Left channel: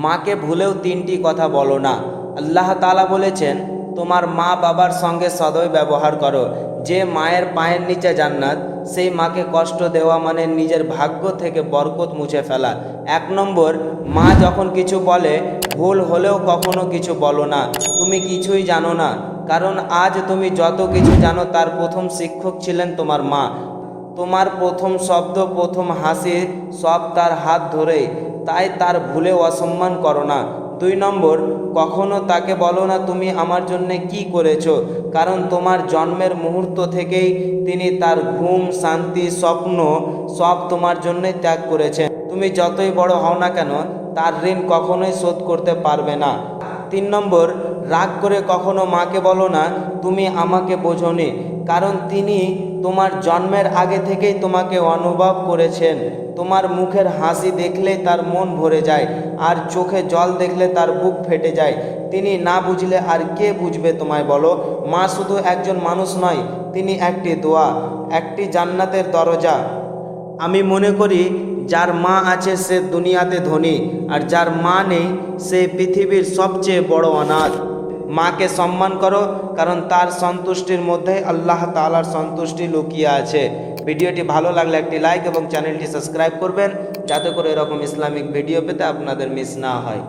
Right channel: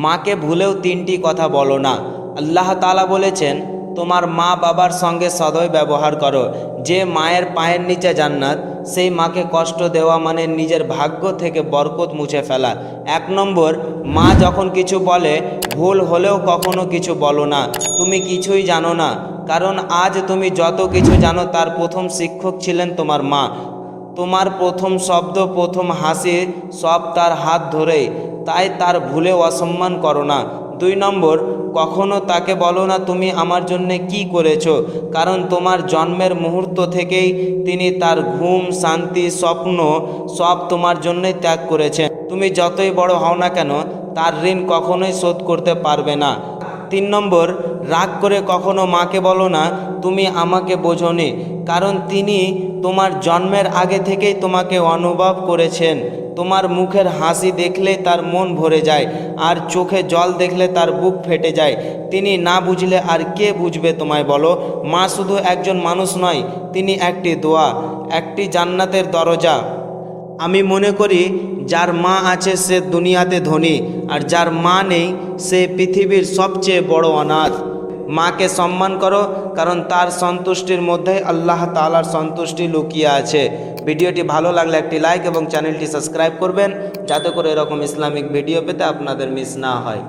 মাকে ভুলেও তিনটি কথা বলো না। আল্লাহ তাআলা বলেছেন, তোমার মা বাবার সঙ্গে সদয় ব্যবহার করো। যে মায়ের পায়ের নিচে জান্নাত, সেই মাকে কষ্ট দেওয়া মানে নিজের ভাগ্য থেকে বরকত মুছে ফেলা। 1 নম্বর, মা যখন কিছু বলে ভুল হলেও কখনো কিছু বলো না, তুমি কিছুই জানো না। কারণ আজ তুমি যত কিছু জানো তার প্রথম শিক্ষক ছিলেন তোমার মা। তোমার প্রথম শব্দ, প্রথম হাসি সব তার হাত ধরেই, তাই তার ভুলে অসম্মান করো না। 2 নম্বর, কখনো তাকে বলো না তুমি আমার জন্যে কি করেছো, কারণ তোমার জন্মের মুহূর্ত থেকেই তিনি তার ঘুম, শান্তি, স্বপ্ন সব তোমার জন্যে ত্যাগ করেছেন। তুমি যতই বড় হও না কেন তার ঋণ কখনোই শোধ করতে পারবে না। 3 নম্বর, রাগ করে কখনো মাকে বলো না তুমি আমাকে বোঝোনি, কারণ তিনি তোমার জন্মের আগে থেকেই তোমাকে অনুভব করেছেন। তোমার মুখের হাসি দেখলে তার মন ভরে যায়, আর চোখে জল দেখলে তার বুক ফেটে যায়। তিনি না বুঝলে আর কে বুঝবে তোমায় বলো? মা শুধু একজন মানুষ নয়, তিনি একটি দোয়া, একটি জান্নাতের দরজা। আমি মনে করি যার মা আছে সে দুনিয়াতে ধনী, আর যার মা নেই সে পৃথিবীর সবচেয়ে বড় অনাথ। মাকে সম্মান করো, কারণ তার সন্তুষ্টির মধ্যে আল্লাহ তাআলার সন্তুষ্টি লুকিয়ে আছে। ভিডিওটি ভালো লাগলে একটি লাইক এবং চ্যানেলটি সাবস্ক্রাইব করবেন, যাতে করে এরকম ইসলামিক ভিডিও পেতে আপনাদের মিস না হয়।